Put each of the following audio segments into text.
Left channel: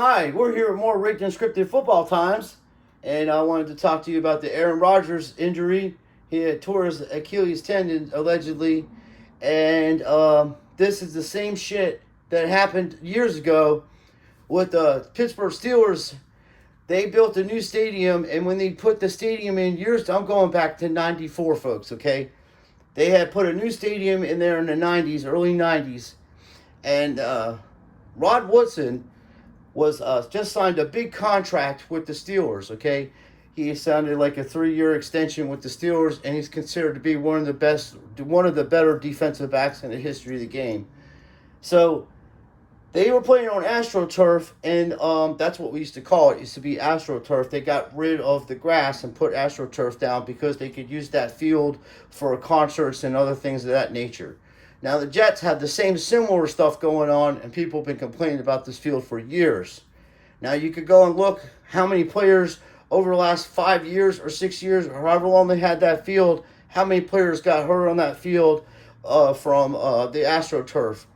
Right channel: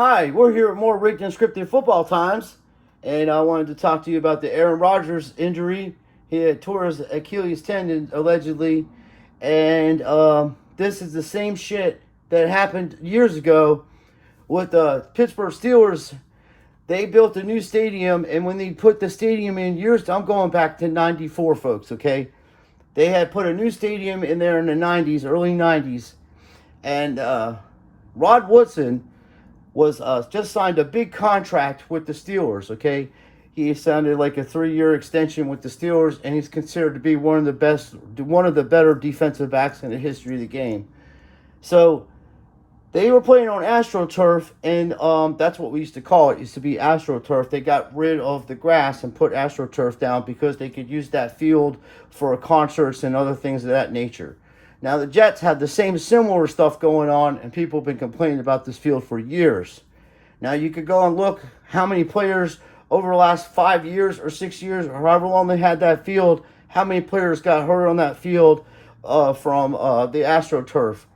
Hi, we're here at more Rigged and Scripted Football Times, and I wanted to talk to you about the Aaron Rodgers injury. He had tore his Achilles tendon allegedly, and this is the same shit that happened years ago with the Pittsburgh Steelers. They built a new stadium, and when they put the stadium in years, I'm going back to '94, folks. Okay, they had put a new stadium in there in the '90s, early '90s, and Rod Woodson was just signed a big contract with the Steelers. Okay, he signed like a 3-year extension with the Steelers, and he's considered to be one of the best, one of the better defensive backs in the history of the game. So they were playing on AstroTurf, and that's what we used to call it. It used to be AstroTurf. They got rid of the grass and put AstroTurf down because they could use that field for concerts and other things of that nature. Now the Jets have the same similar stuff going on, and people have been complaining about this field for years. Now you could go and look how many players over the last 5 years or 6 years or however long they had that field, how many players got hurt on that field from the AstroTurf.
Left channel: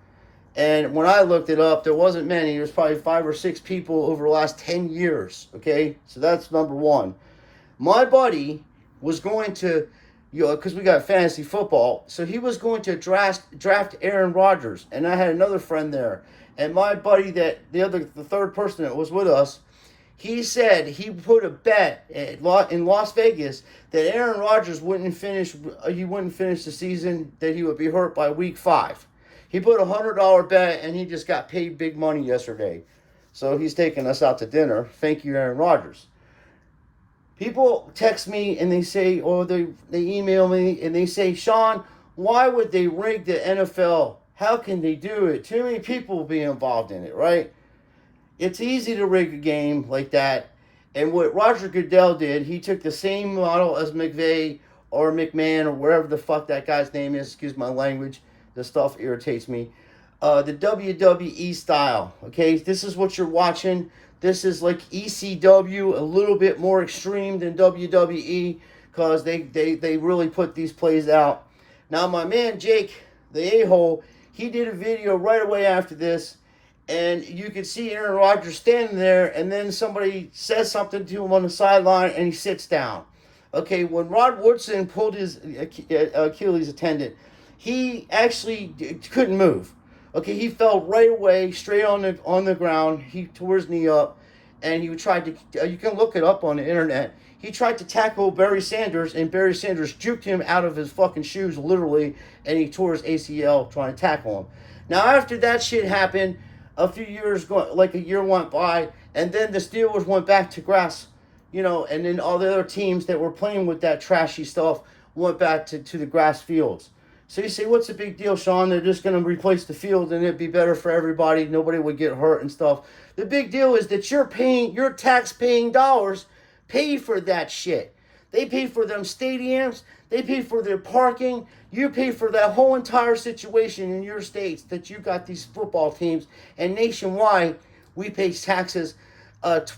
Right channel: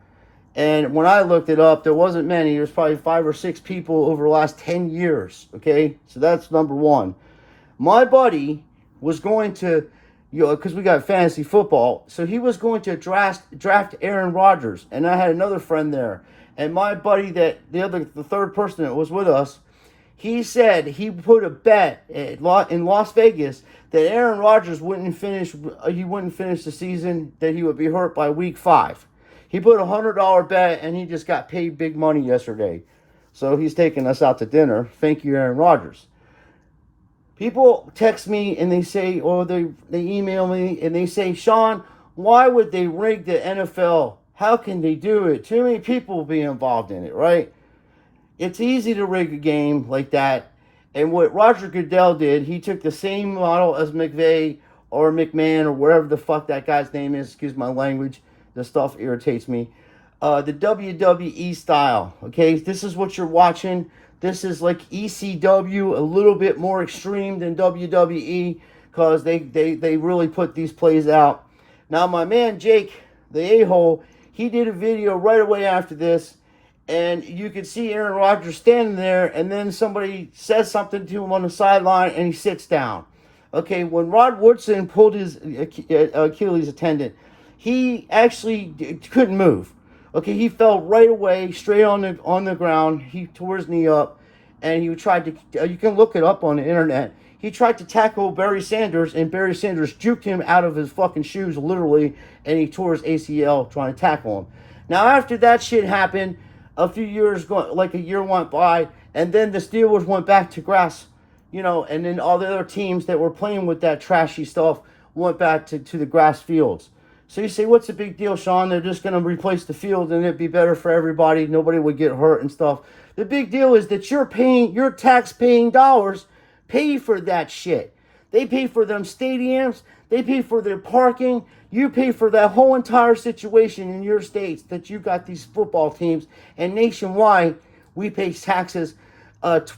And when I looked it up, there wasn't many. There's probably 5 or 6 people over the last 10 years. Okay, so that's number one. My buddy was going to, because we got fantasy football, so he was going to draft Aaron Rodgers, and I had another friend there, and my buddy the third person that was with us, he said he put a bet in Las Vegas that Aaron Rodgers wouldn't finish. He wouldn't finish the season. That he would be hurt by week 5. He put $100 bet, and he just got paid big money yesterday. So he's taking us out to dinner. Thank you, Aaron Rodgers. People text me and they say, or they email me and they say, Sean, why would they rig the NFL? How can they do it? Too many people will be involved in it, right? It's easy to rig a game like that. And what Roger Goodell did, he took the same model as McVay or McMahon or wherever the fuck that guy's name is. Excuse my language. This stuff irritates me. The WWE style. Okay, this is what you're watching. This is like ECW, a little bit more extreme than WWE because they really put these plays out. Now, my man Jake, the a-hole, he did a video right away after this, and you can see Aaron Rodgers standing there, and then somebody says something to him on the sideline, and he sits down. Okay, when Rod Woodson pulled his Achilles tendon, he actually couldn't move. Okay, he fell right away, straight on the ground. He tore his knee up, and he tried to. You can look it up on the internet. He tried to tackle Barry Sanders, and Barry Sanders juked him out of his fucking shoes, literally, and he tore his ACL trying to tackle him. Now, after that shit happened, a few years, like a year went by, and then the Steelers went back to grass, and then all the other teams that were playing with that trashy stuff went back to the grass fields. So you say, what's the big deal, Sean? They're just going to replace the field and it'd be better for everybody. Nobody would get hurt and stuff. The big deal is that your tax-paying dollars pay for that shit. They pay for them stadiums. They pay for their parking. You pay for that whole entire situation in your states that you got these football teams. And nationwide, we pay taxes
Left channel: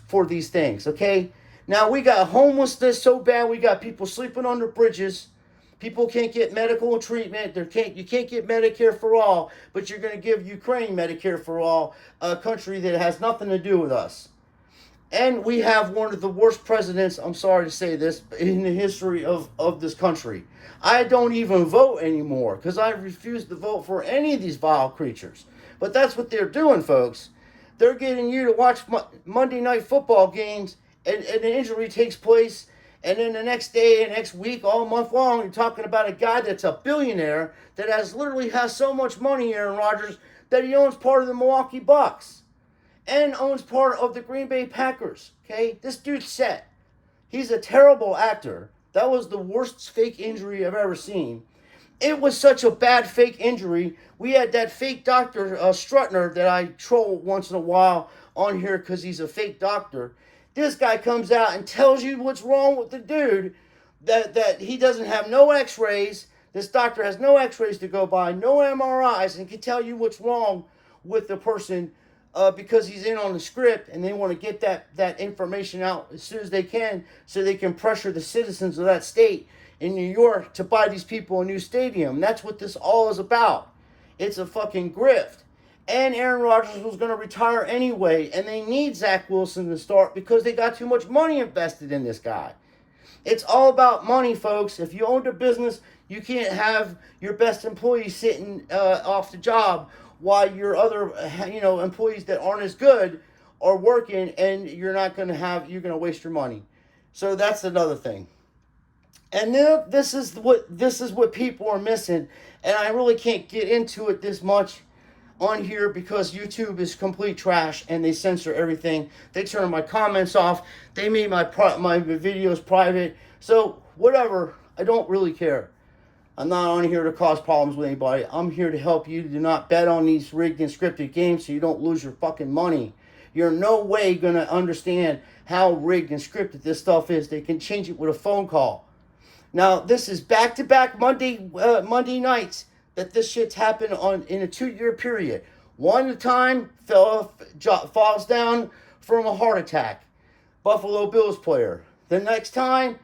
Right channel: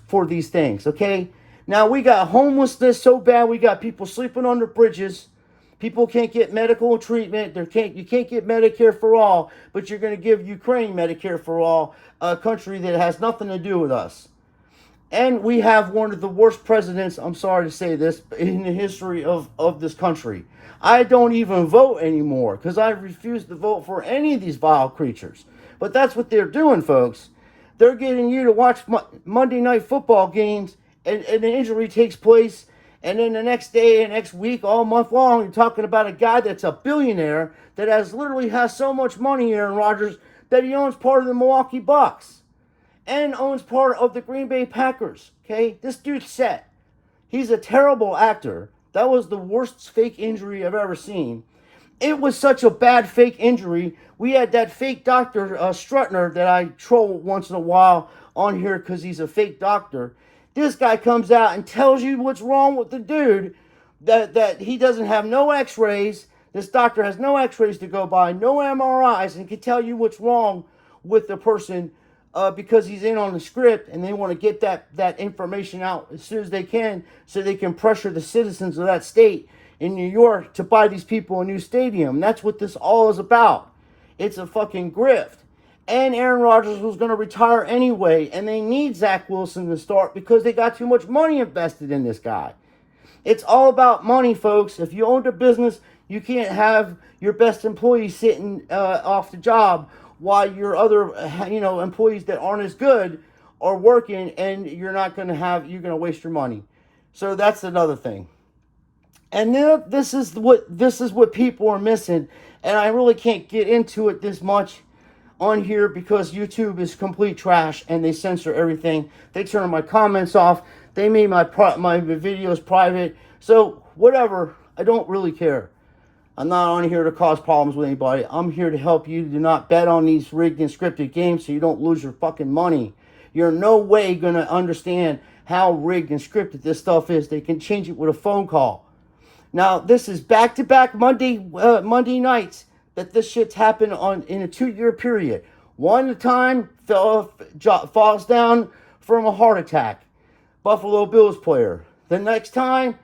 for these things, okay? Now, we got homelessness so bad. We got people sleeping under bridges. People can't get medical treatment. You can't get Medicare for all, but you're going to give Ukraine Medicare for all, a country that has nothing to do with us. And we have one of the worst presidents, I'm sorry to say this, in the history of this country. I don't even vote anymore because I refuse to vote for any of these vile creatures. But that's what they're doing, folks. They're getting you to watch Monday night football games, and an injury takes place. And then the next day and next week, all month long, you're talking about a guy that's a billionaire that literally has so much money, Aaron Rodgers, that he owns part of the Milwaukee Bucks and owns part of the Green Bay Packers. Okay, this dude's set. He's a terrible actor. That was the worst fake injury I've ever seen. It was such a bad fake injury. We had that fake doctor, Strutner, that I troll once in a while on here because he's a fake doctor. This guy comes out and tells you what's wrong with the dude, that he doesn't have no x-rays. This doctor has no x-rays to go by, no MRIs, and can tell you what's wrong with the person because he's in on the script, and they want to get that information out as soon as they can so they can pressure the citizens of that state in New York to buy these people a new stadium. That's what this all is about. It's a fucking grift. And Aaron Rodgers was going to retire anyway, and they need Zach Wilson to start because they got too much money invested in this guy. It's all about money, folks. If you own a business, you can't have your best employee sitting off the job while your other, employees that aren't as good are working, and you're going to waste your money. So that's another thing. And then this is what people are missing, and I really can't get into it this much on here because YouTube is complete trash and they censor everything. They turn my comments off. They made my videos private. So whatever, I don't really care. I'm not on here to cause problems with anybody. I'm here to help you. Do not bet on these rigged and scripted games so you don't lose your fucking money. You're no way going to understand how rigged and scripted this stuff is. They can change it with a phone call. Now, this is back-to-back Monday nights that this shit's happened in a 2-year period. One time falls down from a heart attack. Buffalo Bills player. The next time,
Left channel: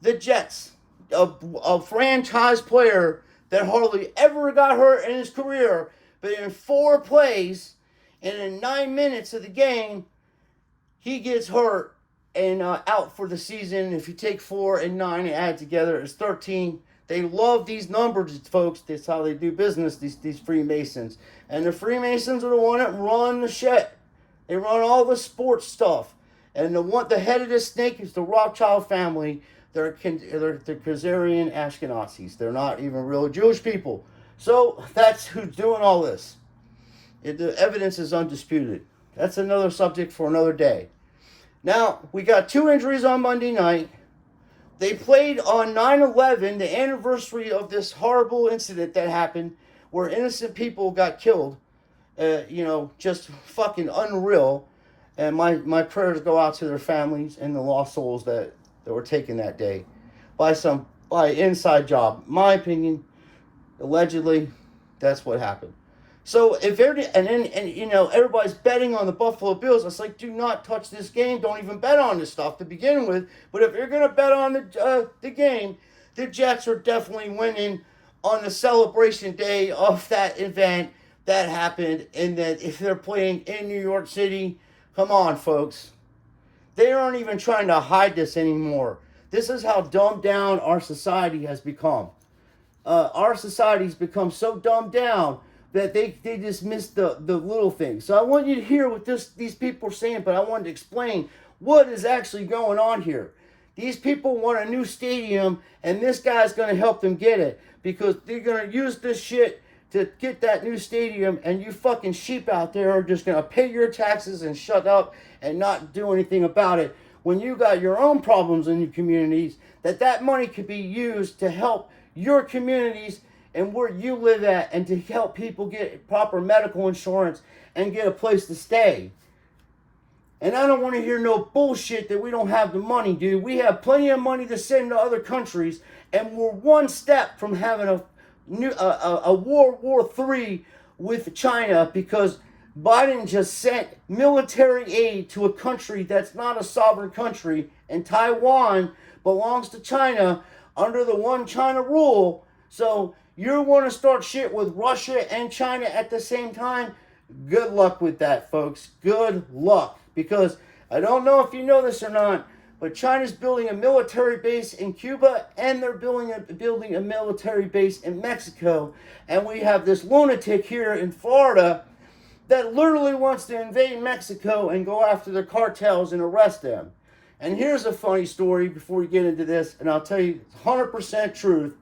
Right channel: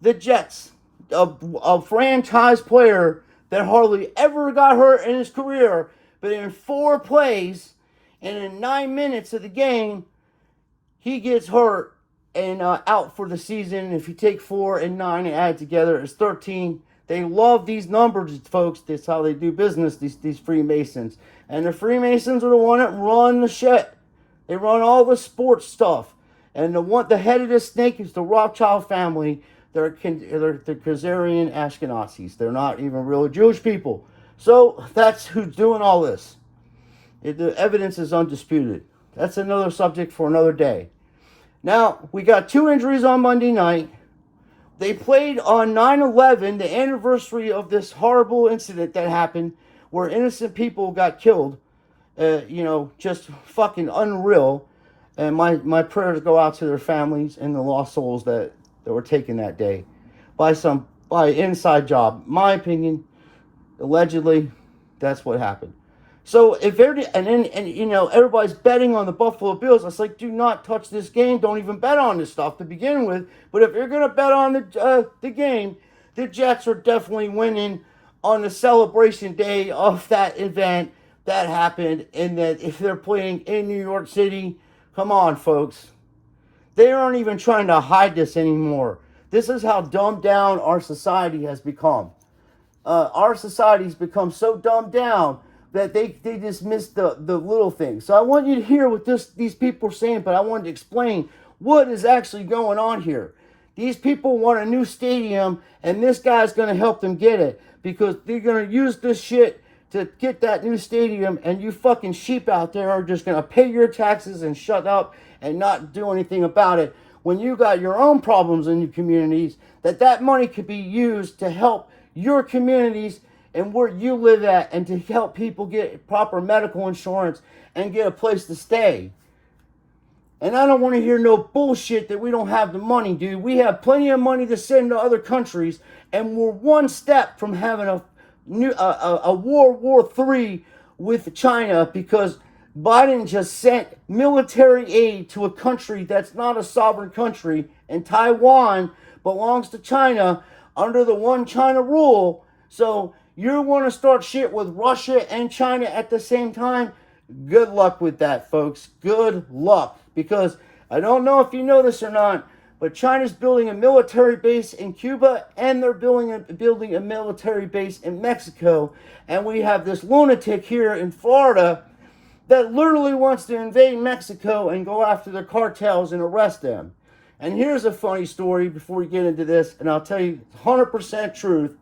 the Jets. A franchise player that hardly ever got hurt in his career, but in 4 plays and in 9 minutes of the game, he gets hurt and out for the season. If you take 4 and 9 and add together, it's 13. They love these numbers, folks. That's how they do business, these Freemasons. And the Freemasons are the one that run the shit. They run all the sports stuff. And the head of this snake is the Rothschild family. They're Khazarian Ashkenazis. They're not even real Jewish people. So that's who's doing all this. The evidence is undisputed. That's another subject for another day. Now, we got 2 injuries on Monday night. They played on 9/11, the anniversary of this horrible incident that happened where innocent people got killed. Just fucking unreal. And my prayers go out to their families and the lost souls that were taken that day by inside job. My opinion, allegedly, that's what happened. So if everybody's betting on the Buffalo Bills, I was like, do not touch this game. Don't even bet on this stuff to begin with. But if you're gonna bet on the game, the Jets are definitely winning on the celebration day of that event that happened. And that if they're playing in New York City, come on, folks. They aren't even trying to hide this anymore. This is how dumbed down our society has become. Our society's become so dumbed down that they just miss the little things. So I want you to hear what these people are saying, but I wanted to explain what is actually going on here. These people want a new stadium, and this guy's going to help them get it because they're going to use this shit to get that new stadium, and you fucking sheep out there are just going to pay your taxes and shut up and not do anything about it when you got your own problems in your communities, that money could be used to help your communities and where you live at and to help people get proper medical insurance and get a place to stay. And I don't want to hear no bullshit that we don't have the money, dude. We have plenty of money to send to other countries, and we're one step from having a World War III with China because Biden just sent military aid to a country that's not a sovereign country, and Taiwan belongs to China under the One China rule. So you want to start shit with Russia and China at the same time? Good luck with that, folks. Good luck. Because I don't know if you know this or not, but China's building a military base in Cuba and they're building a military base in Mexico. And we have this lunatic here in Florida that literally wants to invade Mexico and go after the cartels and arrest them. And here's a funny story before we get into this, and I'll tell you 100% truth.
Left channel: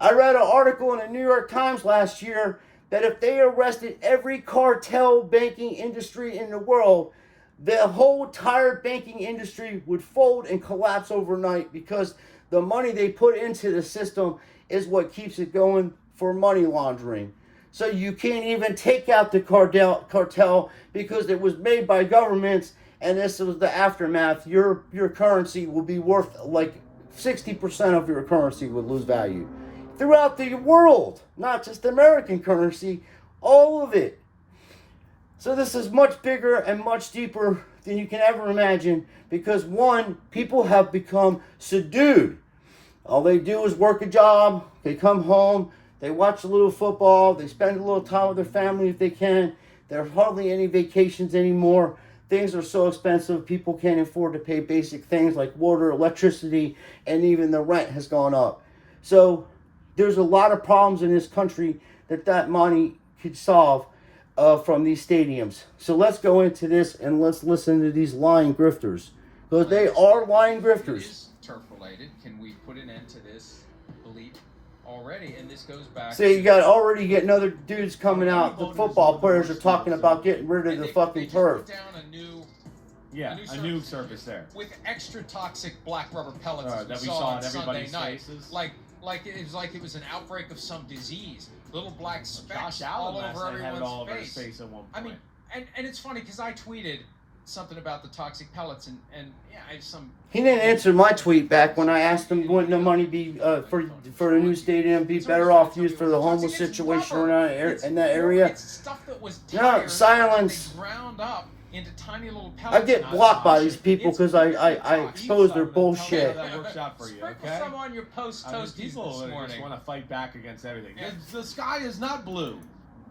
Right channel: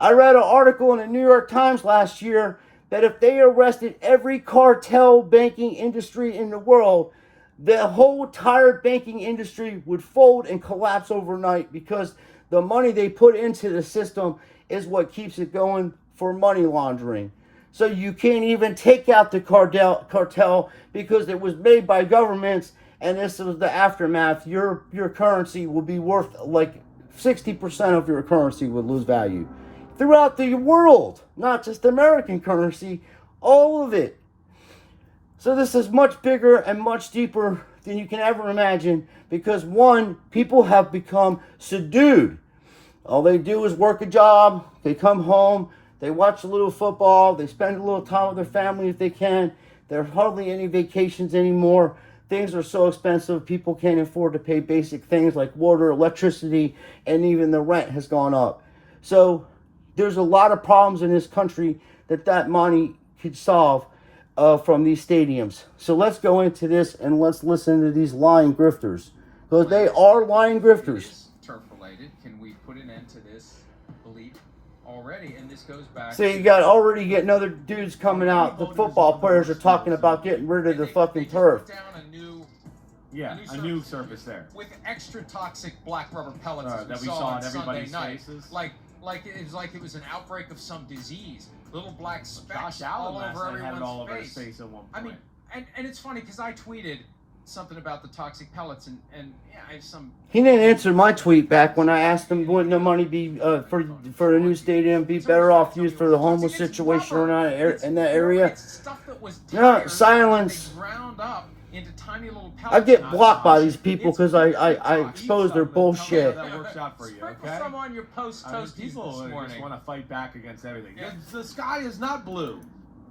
I read an article in the New York Times last year that if they arrested every cartel banking industry in the world, the whole entire banking industry would fold and collapse overnight because the money they put into the system is what keeps it going for money laundering. So you can't even take out the cartel because it was made by governments, and this was the aftermath. Your currency will be worth like 60% of your currency would lose value. Throughout the world, not just American currency, all of it. So this is much bigger and much deeper than you can ever imagine because, one, people have become subdued. All they do is work a job, they come home, they watch a little football, they spend a little time with their family if they can. There are hardly any vacations anymore. Things are so expensive, people can't afford to pay basic things like water, electricity, and even the rent has gone up. So there's a lot of problems in this country that money could solve from these stadiums. So let's go into this and let's listen to these lying grifters. Because they are lying grifters. It is turf related. Can we put an end to this belief already? And this goes back. So you got already getting other dudes coming out. The football players are talking about getting rid of the fucking turf. They just put down a new surface there with extra toxic black rubber pellets that we saw on in everybody's Sunday night. faces. Like it was an outbreak of some disease. Little black specks Josh Allen all last over night had it all over his face. face at one point. I mean, and it's funny because I tweeted something about the toxic pellets and yeah, I have some. He didn't answer my tweet back when I asked him wouldn't the money be for a new stadium be better off used for the homeless situation in that area. It's stuff that was No, silence. They ground up into tiny little pellets. I get blocked by these people because I expose their bullshit. That works out for you, Sprinkle okay? some on your post toasties People this morning. just want to fight back against everything. Yeah. The sky is not blue.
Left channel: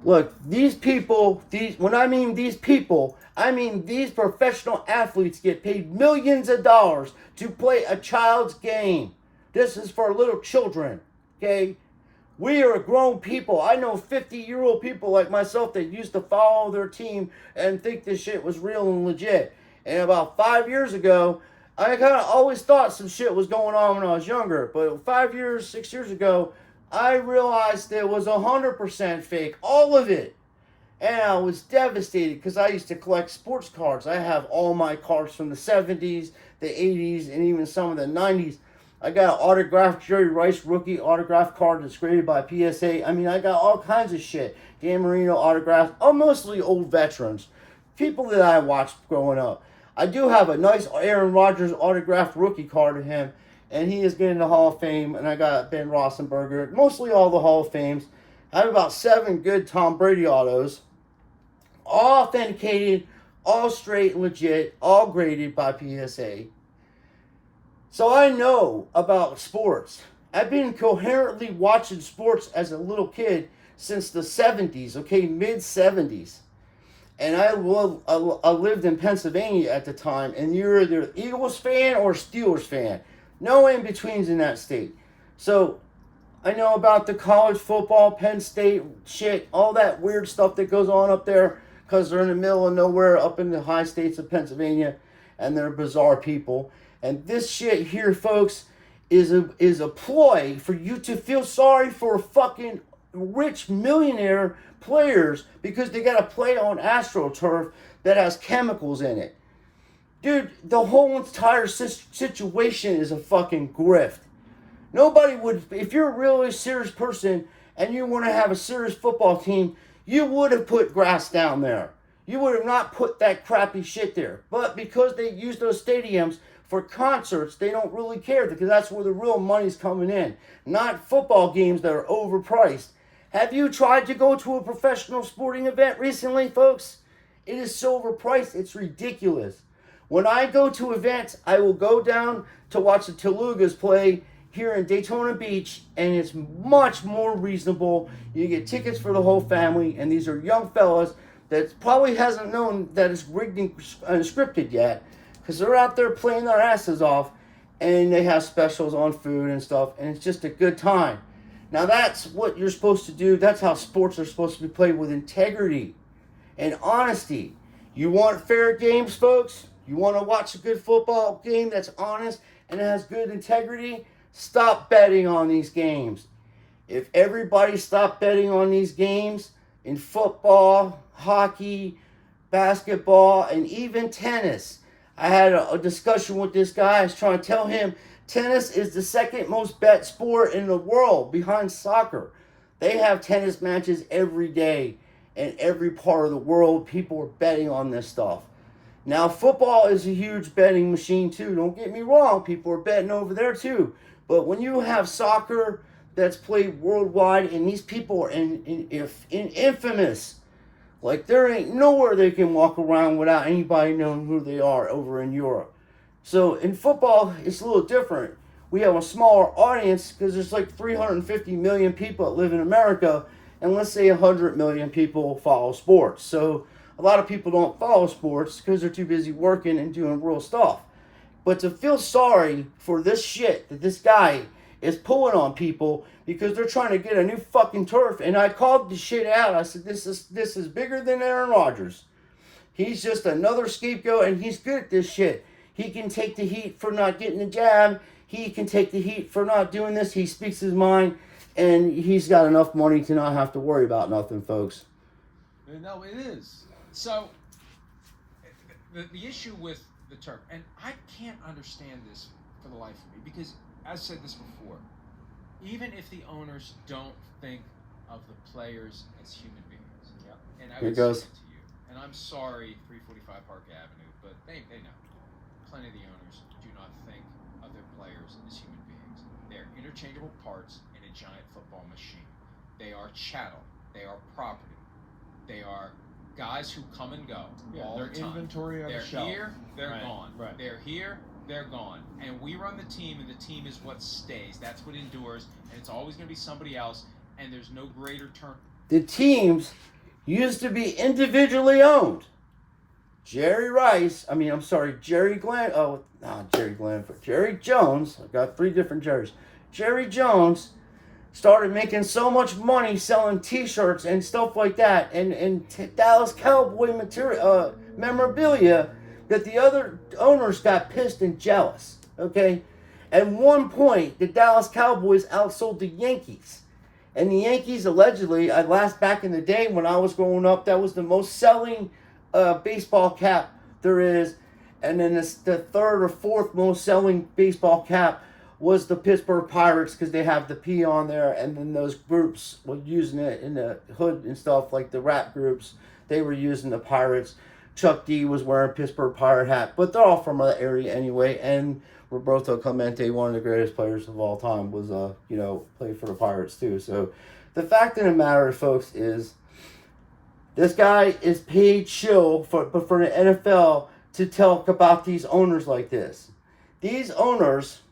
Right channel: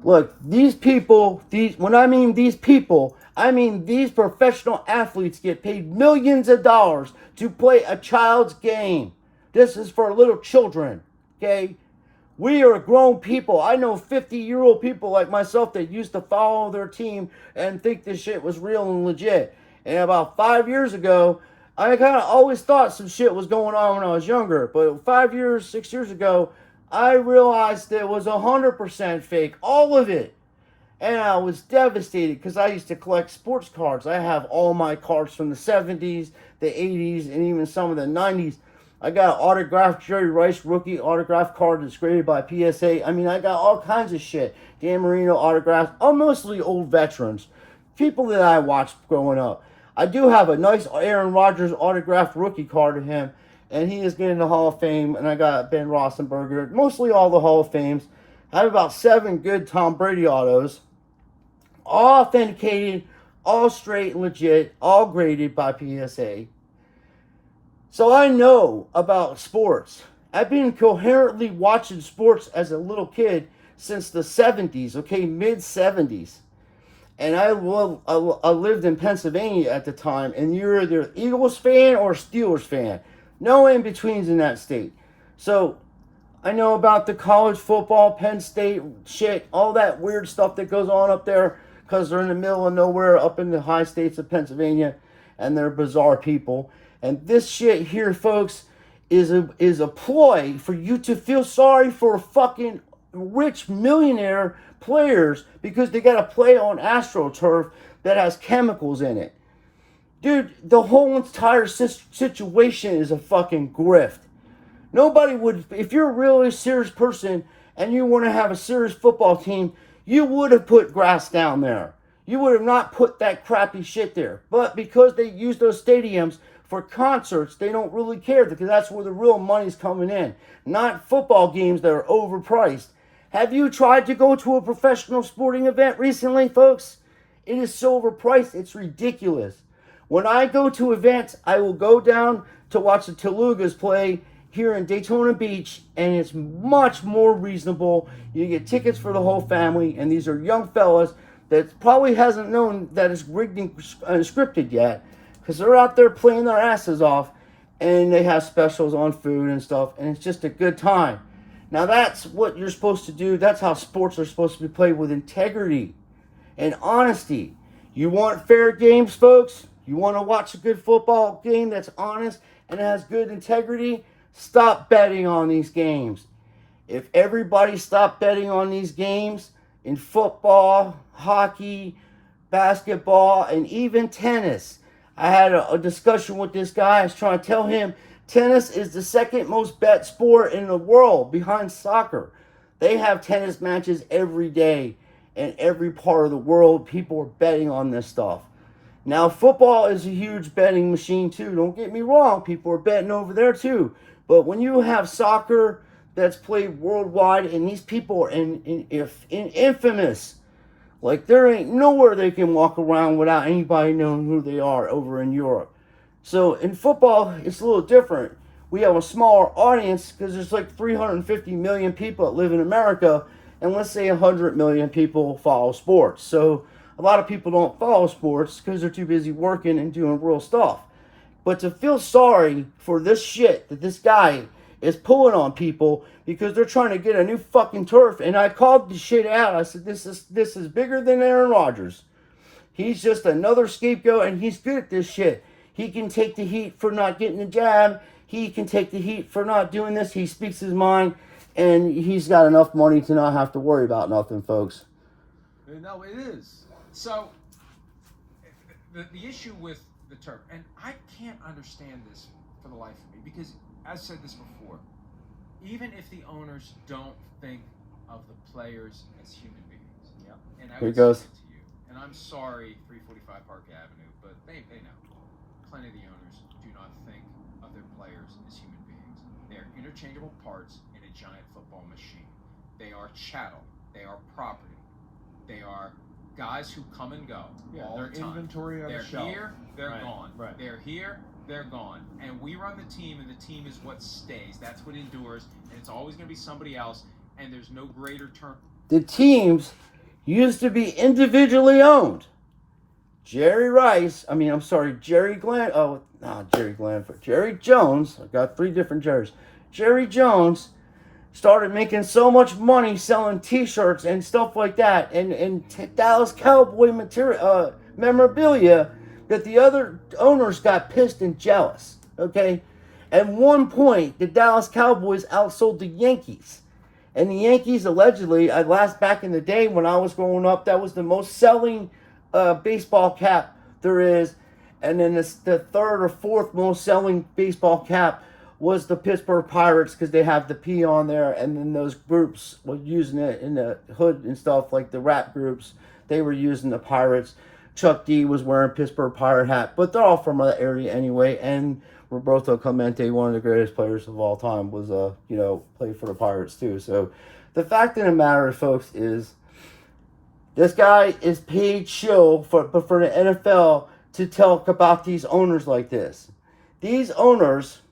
Look, these people, when I mean these people, I mean these professional athletes get paid millions of dollars to play a child's game. This is for little children, okay? We are grown people. I know 50-year-old people like myself that used to follow their team and think this shit was real and legit. And about 5 years ago, I kind of always thought some shit was going on when I was younger. But 6 years ago, I realized that it was 100% fake. All of it. And I was devastated because I used to collect sports cards. I have all my cards from the 70s, the 80s, and even some of the 90s. I got an autographed Jerry Rice rookie autograph card that's graded by PSA. I mean, I got all kinds of shit. Dan Marino autographs. I'm mostly old veterans. People that I watched growing up. I do have a nice Aaron Rodgers autographed rookie card of him. And he is getting the Hall of Fame. And I got Ben Roethlisberger. Mostly all the Hall of Fames. I have about 7 good Tom Brady autos. All authenticated. All straight and legit. All graded by PSA. So I know about sports. I've been coherently watching sports as a little kid since the 70s, okay, mid-70s. And I lived in Pennsylvania at the time, and you're either Eagles fan or Steelers fan. No in-betweens in that state. So I know about the college football, Penn State shit, all that weird stuff that goes on up there because they're in the middle of nowhere up in the high states of Pennsylvania, and they're bizarre people. And this shit here, folks, is a ploy for you to feel sorry for fucking rich millionaire players because they got to play on AstroTurf that has chemicals in it. Dude, the whole entire situation is a fucking grift. Nobody would, if you're a really serious person and you want to have a serious football team, you would have put grass down there. You would have not put that crappy shit there. But because they use those stadiums for concerts, they don't really care because that's where the real money's coming in. Not football games that are overpriced. Have you tried to go to a professional sporting event recently, folks? It is so overpriced, it's ridiculous. When I go to events, I will go down to watch the Telugas play here in Daytona Beach, and it's much more reasonable. You get tickets for the whole family, and these are young fellas that probably hasn't known that it's rigged and scripted yet. Because they're out there playing their asses off, and they have specials on food and stuff, and it's just a good time. Now that's what you're supposed to do. That's how sports are supposed to be played, with integrity and honesty. You want fair games, folks? You want to watch a good football game that's honest and has good integrity? Stop betting on these games. If everybody stopped betting on these games in football, hockey, basketball, and even tennis. I had a discussion with this guy. I was trying to tell him tennis is the second most bet sport in the world behind soccer. They have tennis matches every day in every part of the world. People are betting on this stuff. Now, football is a huge betting machine too. Don't get me wrong. People are betting over there too. But when you have soccer that's played worldwide, and these people are infamous, like there ain't nowhere they can walk around without anybody knowing who they are over in Europe. So in football, it's a little different. We have a smaller audience because there's like 350 million people that live in America, and let's say 100 million people follow sports. So a lot of people don't follow sports because they're too busy working and doing real stuff. But to feel sorry for this shit that this guy is pulling on people because they're trying to get a new fucking turf, and I called the shit out. I said this is bigger than Aaron Rodgers. He's just another scapegoat, and he's good at this shit. He can take the heat for not getting the jab. He can take the heat for not doing this. He speaks his mind, and he's got enough money to not have to worry about nothing, folks. No, it is. So, the issue with the turf, and I can't understand this for the life of me, because I've said this before, even if the owners don't think of the players as human beings, and I Here would goes. say it to you, and I'm sorry, 345 Park Avenue, but they know. Plenty of the owners do not think of their players as human beings. They're interchangeable parts in a giant football machine. They are chattel. They are property. They are guys who come and go all their the time. inventory on They're the shelf. here, they're Right, gone. right. They're here, they're gone. And we run the team, and the team is what stays. That's what endures, and it's always going to be somebody else, and there's no greater term. The teams used to be individually owned. Jerry Jones. I've got 3 different Jerrys. Jerry Jones started making so much money selling T-shirts and stuff like that, and Dallas Cowboy material, memorabilia, that the other owners got pissed and jealous. Okay, at one point, the Dallas Cowboys outsold the Yankees. And the Yankees, allegedly, back in the day when I was growing up, that was the most selling baseball cap there is. And then the 3rd or 4th most selling baseball cap was the Pittsburgh Pirates, because they have the P on there. And then those groups were using it in the hood and stuff, like the rap groups. They were using the Pirates. Chuck D was wearing a Pittsburgh Pirate hat. But they're all from the area anyway. And Roberto Clemente, one of the greatest players of all time, was played for the Pirates too. So the fact of the matter, folks, is this guy is paid shill for the NFL to talk about these owners like this. These owners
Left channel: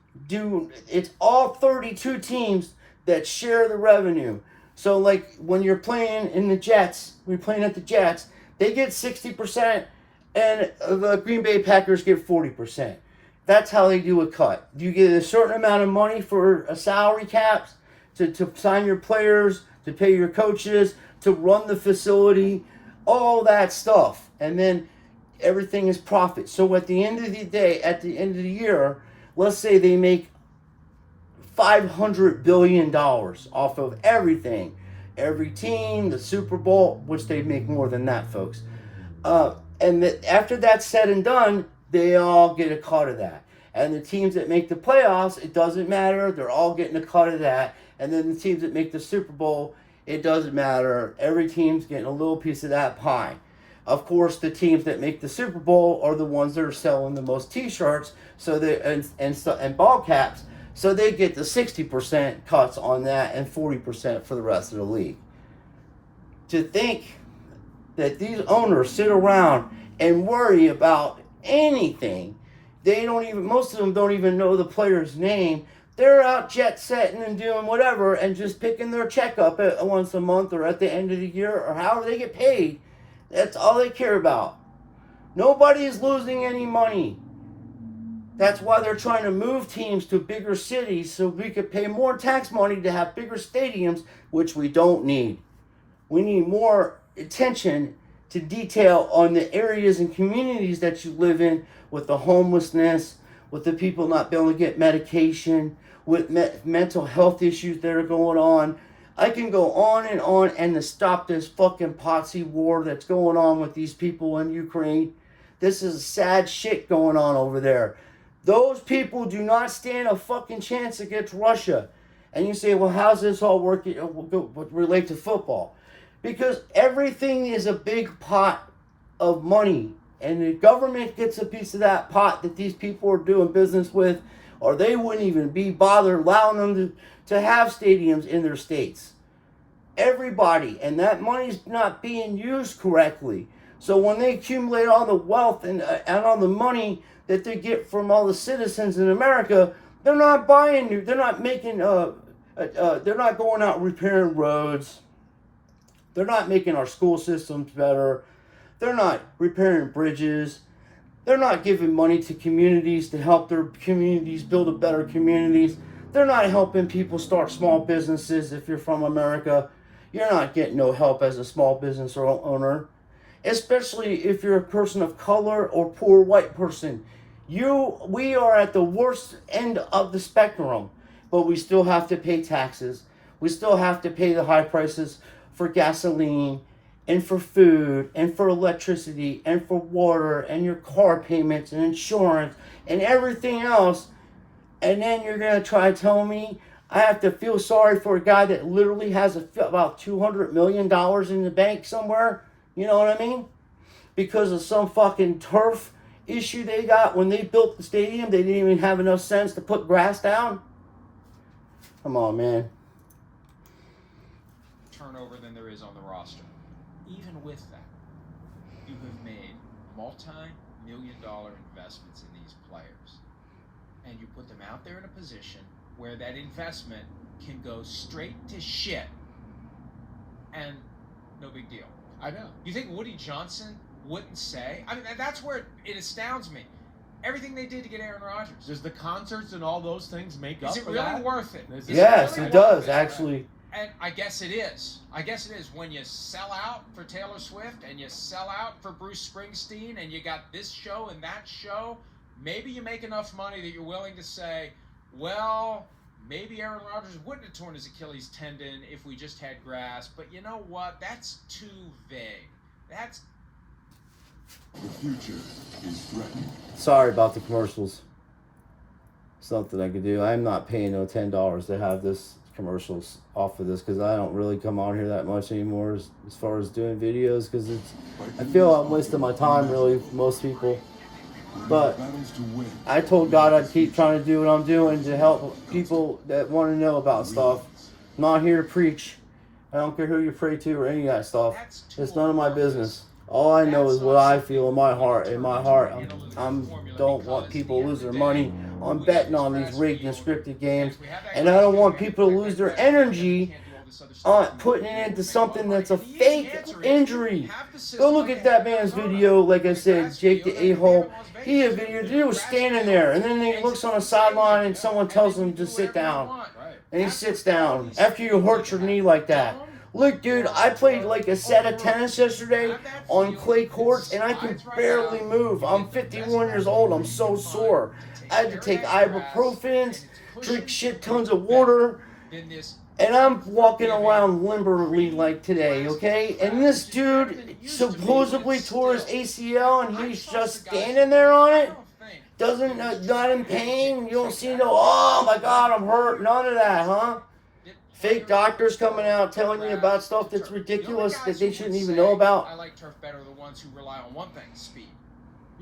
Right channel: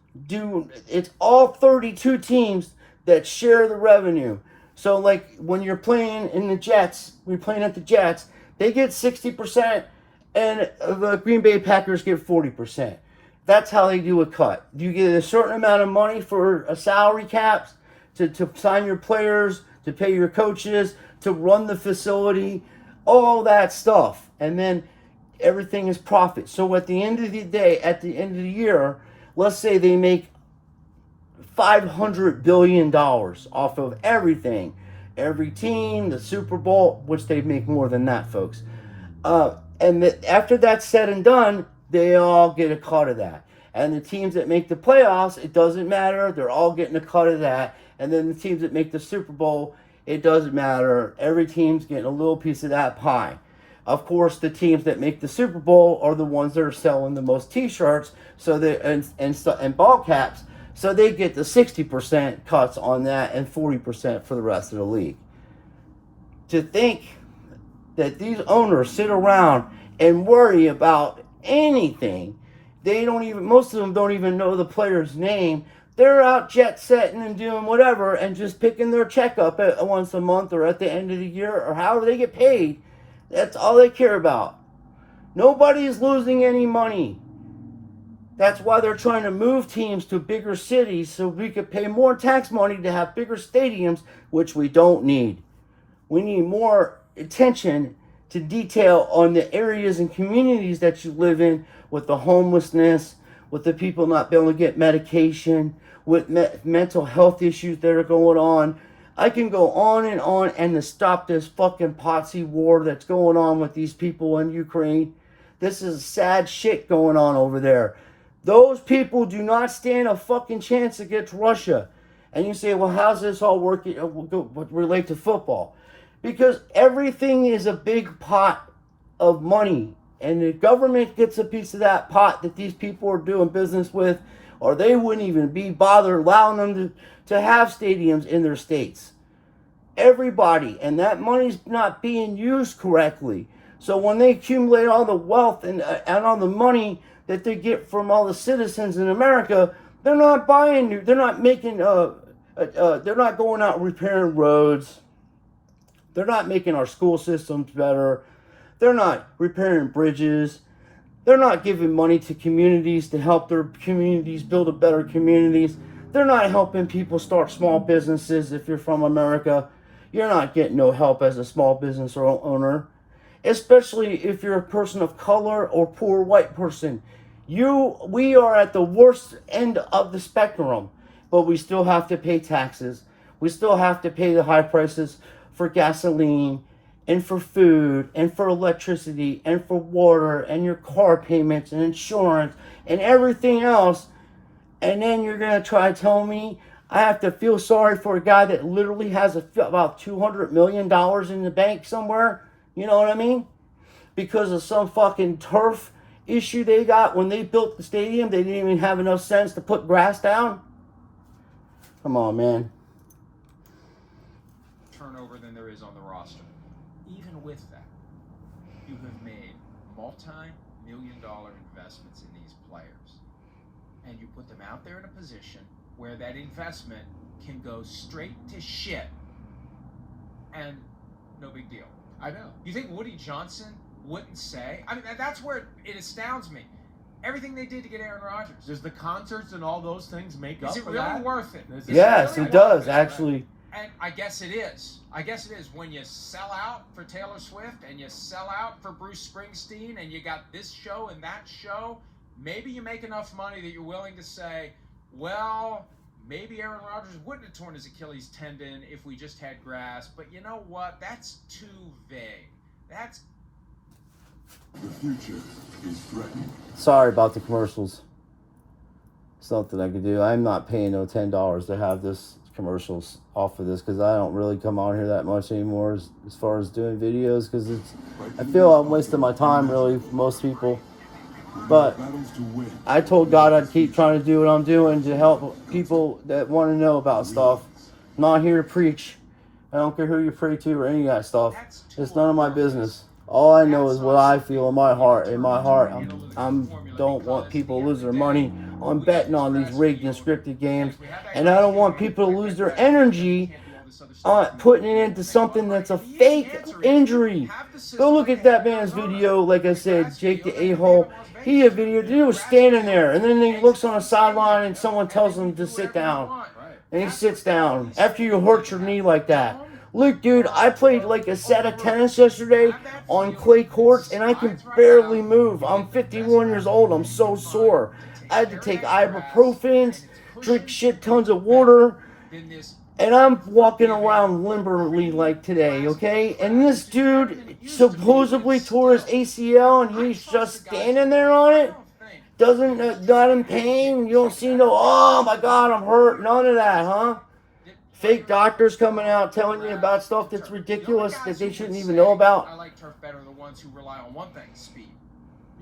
it's all 32 teams that share the revenue. So like when you're playing in the Jets, we're playing at the Jets, they get 60% and the Green Bay Packers get 40%. That's how they do a cut. You get a certain amount of money for a salary caps to sign your players, to pay your coaches, to run the facility, all that stuff. And then everything is profit. So at the end of the day, at the end of the year, let's say they make $500 billion off of everything. Every team, the Super Bowl, which they make more than that, folks. After that's said and done, they all get a cut of that. And the teams that make the playoffs, it doesn't matter. They're all getting a cut of that. And then the teams that make the Super Bowl, it doesn't matter. Every team's getting a little piece of that pie. Of course, the teams that make the Super Bowl are the ones that are selling the most T-shirts, and ball caps, so they get the 60% cuts on that and 40% for the rest of the league. To think that these owners sit around and worry about anything, most of them don't even know the player's name. They're out jet setting and doing whatever and just picking their check up once a month or at the end of the year or however they get paid. That's all they care about. Nobody is losing any money. That's why they're trying to move teams to bigger cities so we could pay more tax money to have bigger stadiums, which we don't need. We need more attention to detail on the areas and communities that you live in, with the homelessness, with the people not being able to get medication, with mental health issues that are going on. I can go on, and to stop this fucking Potsy war that's going on with these people in Ukraine. This is sad shit going on over there. Those people do not stand a fucking chance against Russia. And you say, well, how's this all working relate to football? Because everything is a big pot of money. And the government gets a piece of that pot that these people are doing business with, or they wouldn't even be bothered allowing them to have stadiums in their states. Everybody, and that money's not being used correctly. So when they accumulate all the wealth and all the money that they get from all the citizens in America, they're not buying new, they're not making, they're not going out repairing roads. They're not making our school systems better. They're not repairing bridges. They're not giving money to communities to help their communities build a better communities. They're not helping people start small businesses. If you're from America, you're not getting no help as a small business owner, especially if you're a person of color or poor white person. We are at the worst end of the spectrum, but we still have to pay taxes. We still have to pay the high prices for gasoline and for food and for electricity and for water and your car payments and insurance and everything else. And then you're going to try to tell me I have to feel sorry for a guy that literally has about $200 million in the bank somewhere? You know what I mean? Because of some fucking turf issue they got when they built the stadium. They didn't even have enough sense to put grass down. Come on, man. Turnover than there is on the roster. Even with that, you have made multi-million-dollar investments in these players, and you put them out there in a position where that investment can go straight to shit, and no big deal. I know. You think Woody Johnson wouldn't say? I mean, that's where it astounds me. Everything they did to get Aaron Rodgers. Does the concerts and all those things make up Is it for really that? worth it? Is Yes, really it does, worth it? actually. And I guess it is. I guess it is. When you sell out for Taylor Swift and you sell out for Bruce Springsteen and you got this show and that show, maybe you make enough money that you're willing to say, well, maybe Aaron Rodgers wouldn't have torn his Achilles tendon if we just had grass. But you know what? That's too vague. That's... The future is threatened. Sorry about the commercials. Something I could do. I'm not paying no $10 to have this commercials off of this because I don't really come on here that much anymore as far as doing videos because I feel I'm wasting my time really, most people. But I told God I'd keep trying to do what I'm doing to help people that want to know about stuff. I'm not here to preach. I don't care who you pray to or any of that stuff. It's none of my business. All I know is what I feel in my heart. In my heart, I'm don't want people to lose their money on betting on these rigged and scripted games, and I don't want people to lose their energy on putting it into something that's a fake injury. Go look at that man's video. Like I said, Jake the A-hole. He had a video. The dude was standing there, and then he looks on the sideline, and someone tells him to sit down, and he sits down after you hurt your knee like that. Look, dude, I played like a set of tennis yesterday on clay courts, and I can barely move. I'm 51 years old. I'm so sore. I had to take ibuprofens, drink shit tons of water, and I'm walking around limberly like today, okay? And this dude supposedly tore his ACL, and he's just standing there on it. Not in pain. You don't see no, oh my God, I'm hurt. None of that, huh? Fake doctors coming out telling you about stuff that's ridiculous that they shouldn't even know about. I like turf better the ones who rely on one thing, speed.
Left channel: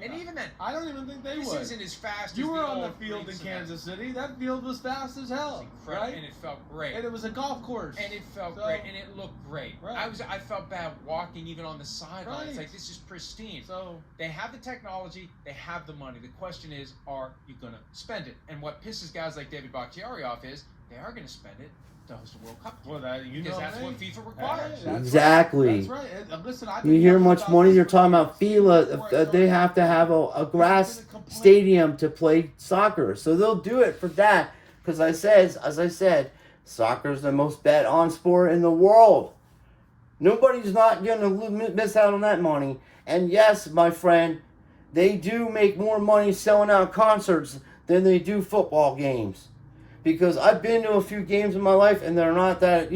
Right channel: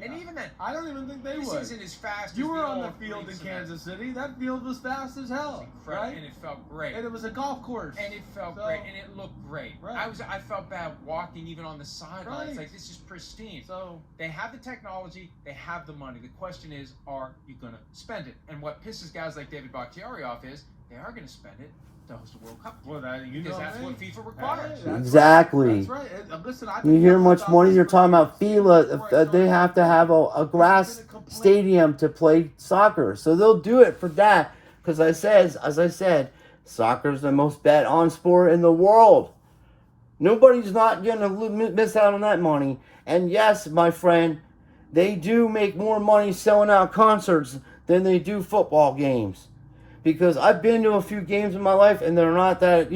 And even then, I don't even think they this would. isn't as fast You as were the on the old field in green Kansas City. That field was fast as hell, right? And it felt great. And it was a golf course. And it felt great, and it looked great. Right. I felt bad walking even on the sidelines. Right. Like, this is pristine. So They have the technology, they have the money. The question is, are you gonna spend it? And what pisses guys like David Bakhtiari off is they are gonna spend it to host a World Cup. well, that you Because know that's what me. FIFA requires. Hey, that's Exactly. Right. That's right. Listen, I've You been hear talking much about money, this you're for talking about years. FILA. Before I They started have to have a grass stadium to play soccer. So they'll do it for that. Because as I said, soccer's the most bet on sport in the world. Nobody's not going to miss out on that money. And yes, my friend, they do make more money selling out concerts than they do football games. Because I've been to a few games in my life and they're not that,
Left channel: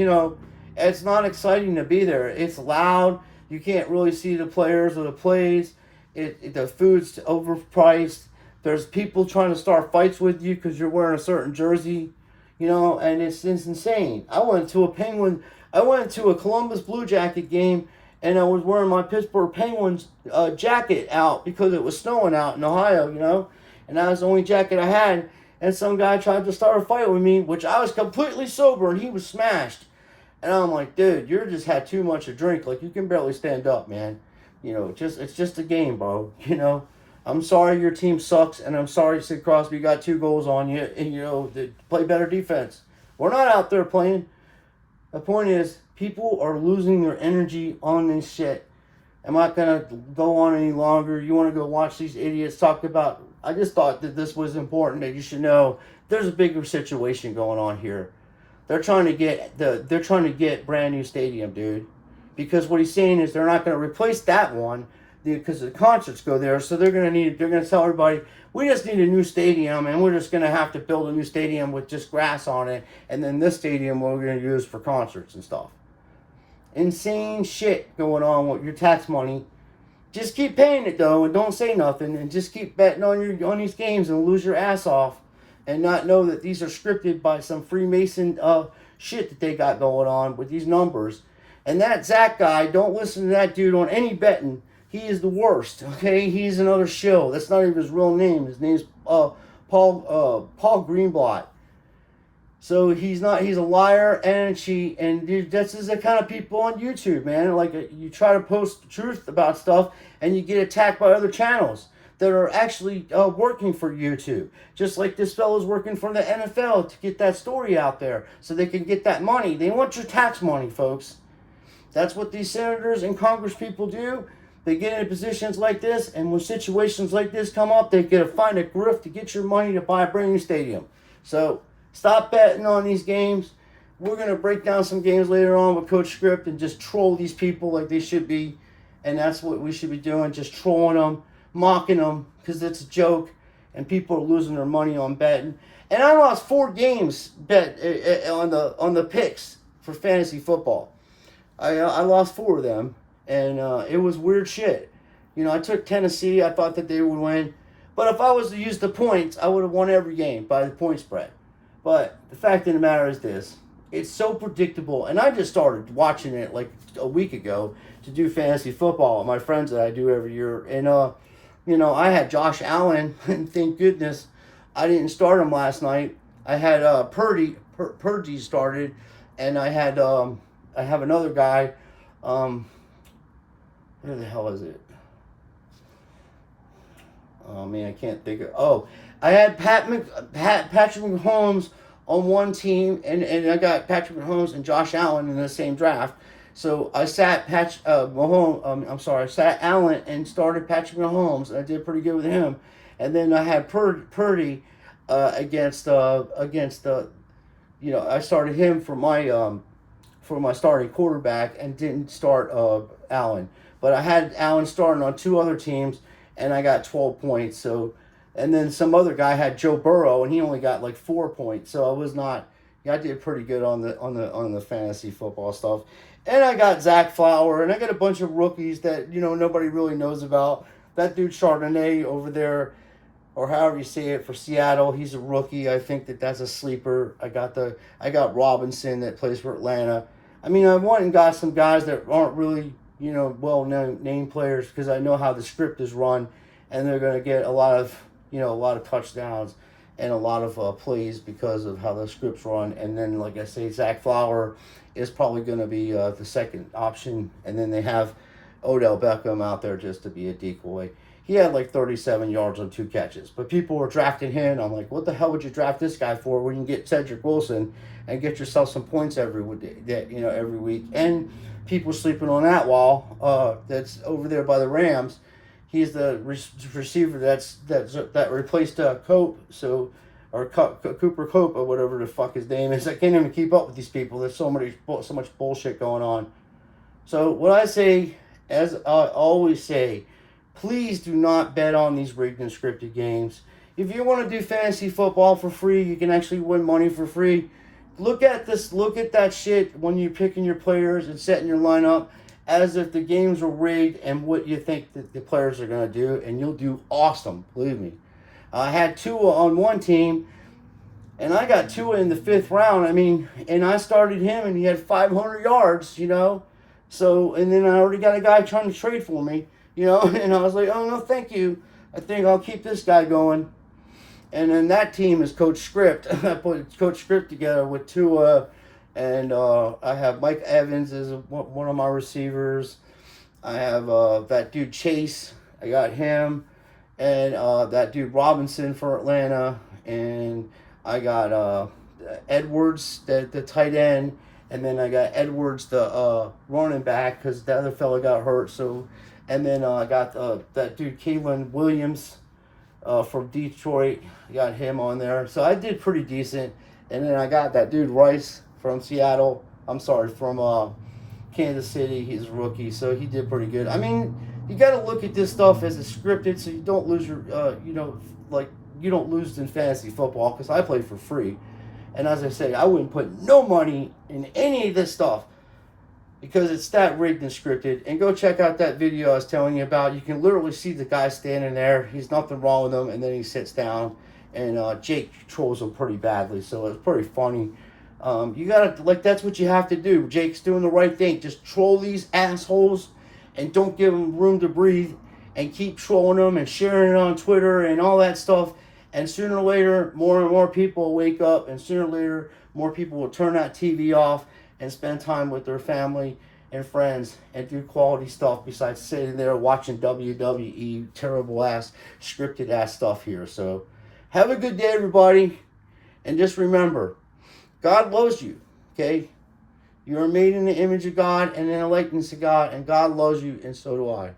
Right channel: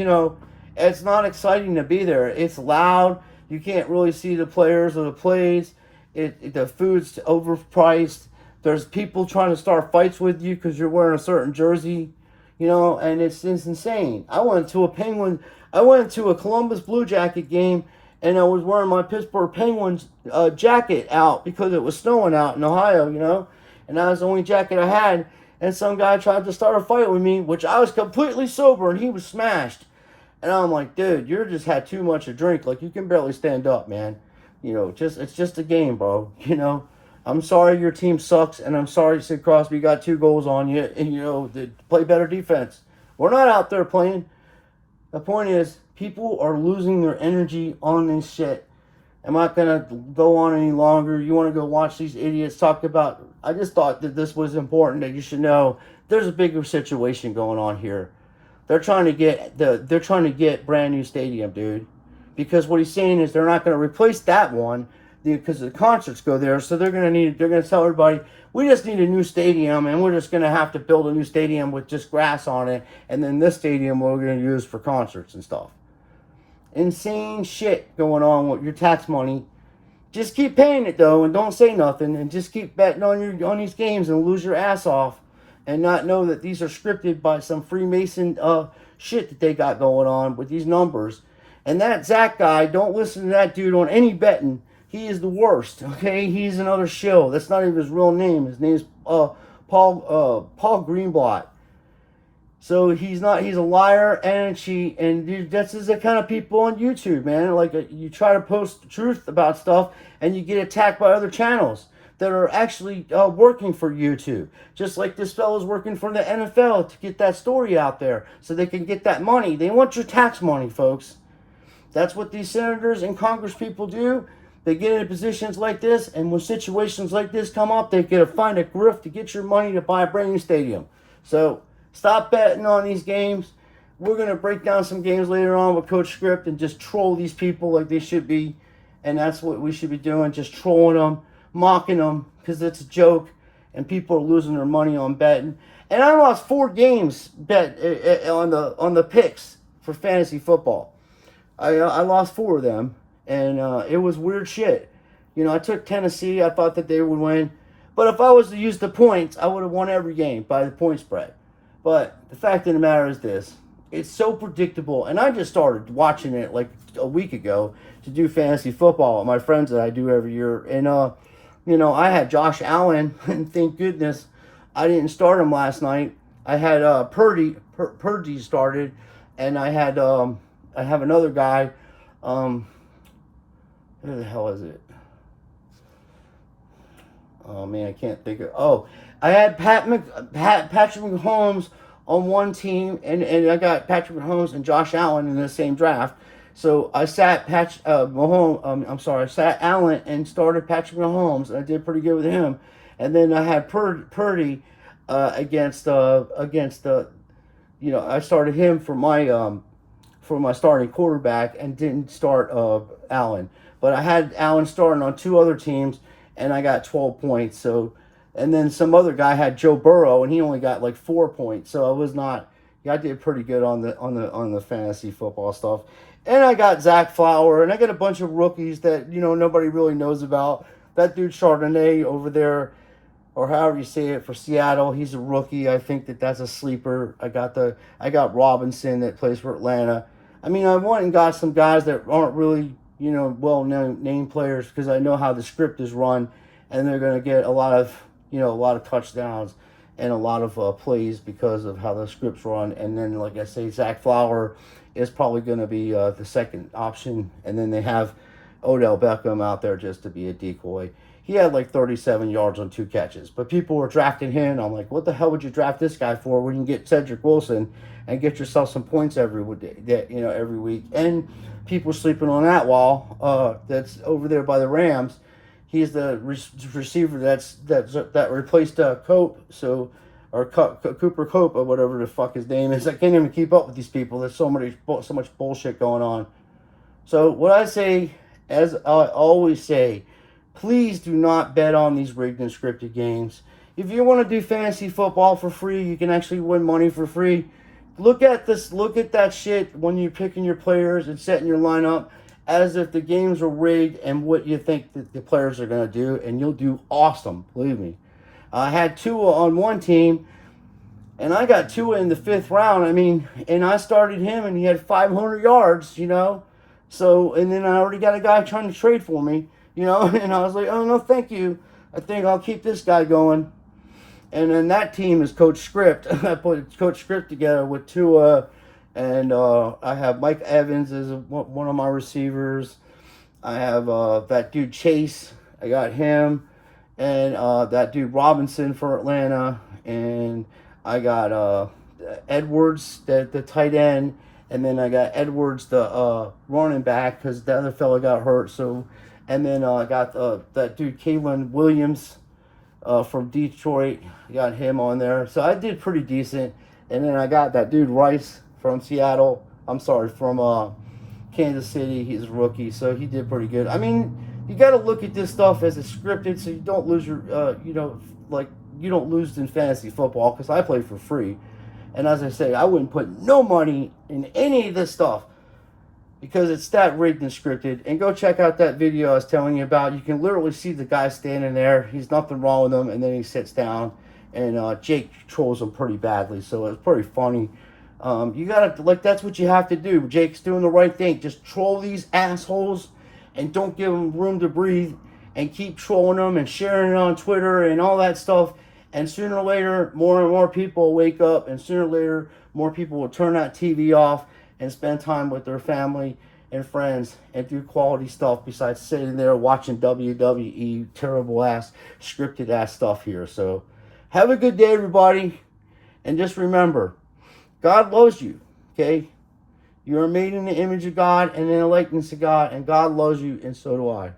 it's not exciting to be there. It's loud. You can't really see the players or the plays. The food's overpriced. There's people trying to start fights with you because you're wearing a certain jersey, and it's insane. I went to a Columbus Blue Jacket game and I was wearing my Pittsburgh Penguins jacket out because it was snowing out in Ohio, and that was the only jacket I had. And some guy tried to start a fight with me, which I was completely sober, and he was smashed. And I'm like, dude, you just had too much to drink. Like, you can barely stand up, man. It's just a game, bro. I'm sorry your team sucks, and I'm sorry Sid Crosby got 2 goals on you, and, play better defense. We're not out there playing The point is, people are losing their energy on this shit. I'm not gonna go on any longer. You want to go watch these idiots talk about? I just thought that this was important, that you should know there's a bigger situation going on here. They're trying to get brand new stadium, dude. Because what he's saying is they're not going to replace that one because the concerts go there. So they're going to tell everybody, we just need a new stadium, and we're just going to have to build a new stadium with just grass on it, and then this stadium we're going to use for concerts and stuff. Insane shit going on with your tax money. Just keep paying it though, and don't say nothing, and just keep betting on these games and lose your ass off, and not know that these are scripted by some Freemason shit that they got going on with these numbers. And that Zach guy, don't listen to that dude on any betting. He is the worst. Okay, he's another shill. That's not even his real name. His name's Paul Greenblatt. So he's not. He's a liar and a cheat, and dude, that's just the kind of people on YouTube, man. Like you try to post truth about stuff, and you get attacked by other channels that are actually working for YouTube. Just like this fellow's working for the NFL to get that story out there, so they can get that money. They want your tax money, folks. That's what these senators and Congress people do. They get into positions like this, and when situations like this come up, they get to find a grift to get your money to buy a brand new stadium. So stop betting on these games. We're going to break down some games later on with Coach Script and just troll these people like they should be. And that's what we should be doing, just trolling them, mocking them, because it's a joke, and people are losing their money on betting. And I lost 4 games bet on the picks for fantasy football. I lost 4 of them, and it was weird shit. You know, I took Tennessee. I thought that they would win. But if I was to use the points, I would have won every game by the point spread. But the fact of the matter is this. It's so predictable. And I just started watching it like a week ago to do fantasy football with my friends that I do every year. And, you know, I had Josh Allen, and thank goodness I didn't start him last night. I had Purdy started, and I have another guy. Where the hell is it? Oh man, I can't think of. Oh, I had Patrick Mahomes on one team, and I got Patrick Mahomes and Josh Allen in the same draft. So I sat I sat Allen and started Patrick Mahomes, and I did pretty good with him. And then I had Purdy against you know, I started him for my starting quarterback and didn't start Allen. But I had Allen starting on 2 other teams, and I got 12 points. So, and then some other guy had Joe Burrow, and he only got like 4 points. So I did pretty good on the fantasy football stuff. And I got Zach Flower, and I got a bunch of rookies that, you know, nobody really knows about. That dude Chardonnay over there, or however you say it, for Seattle, he's a rookie. I think that's a sleeper. I got Robinson that plays for Atlanta. I mean, I went and got some guys that aren't really, you know, well-known name players, because I know how the script is run, and they're going to get a lot of touchdowns and a lot of plays because of how the script's run. And then, like I say, Zach Flower is probably going to be the second option, and then they have Odell Beckham out there just to be a decoy. He had like 37 yards on 2 catches, but people were drafting him. I'm like, what the hell would you draft this guy for when you can get Cedric Wilson and get yourself some points every week? And people sleeping on that wall that's over there by the Rams. He's the receiver that replaced Cope, or Cooper Cope, or whatever the fuck his name is. I can't even keep up with these people. There's so much bullshit going on. So what I say, as I always say, please do not bet on these rigged and scripted games. If you want to do fantasy football for free, you can actually win money for free. Look at that shit when you're picking your players and setting your lineup as if the games were rigged and what you think that the players are going to do, and you'll do awesome, believe me. I had Tua on one team, and I got Tua in the 5th round. I mean, and I started him, and he had 500 yards, you know. So, and then I already got a guy trying to trade for me, you know, and I was like, oh, no, thank you. I think I'll keep this guy going. And then that team is Coach Script. I put Coach Script together with Tua, and I have Mike Evans as one of my receivers. I have that dude Chase. I got him. And that dude Robinson for Atlanta. And I got Edwards, the tight end. And then I got Edwards, the running back, because the other fella got hurt. So, and then I got that dude Kalen Williams from Detroit. Got him on there. So I did pretty decent. And then I got that dude Rice from Seattle. I'm sorry, from Kansas City. He's a rookie, so he did pretty good. I mean, you got to look at this stuff as it's scripted, so you don't lose your, you don't lose in fantasy football, because I play for free. And as I say, I wouldn't put no money in any of this stuff because it's that rigged and scripted. And go check out that video I was telling you about. You can literally see the guy standing there. He's nothing wrong with him, and then he sits down, and Jake trolls him pretty badly. So it's pretty funny. You gotta, that's what you have to do. Jake's doing the right thing. Just troll these assholes and don't give them room to breathe, and keep trolling them and sharing it on Twitter and all that stuff. And sooner or later, more and more people will wake up, and sooner or later, more people will turn that TV off and spend time with their family and friends and do quality stuff besides sitting there watching WWE terrible ass, scripted ass stuff here. So have a good day, everybody. And just remember, God loves you, okay? You are made in the image of God and in the likeness of God, and God loves you, and so do I.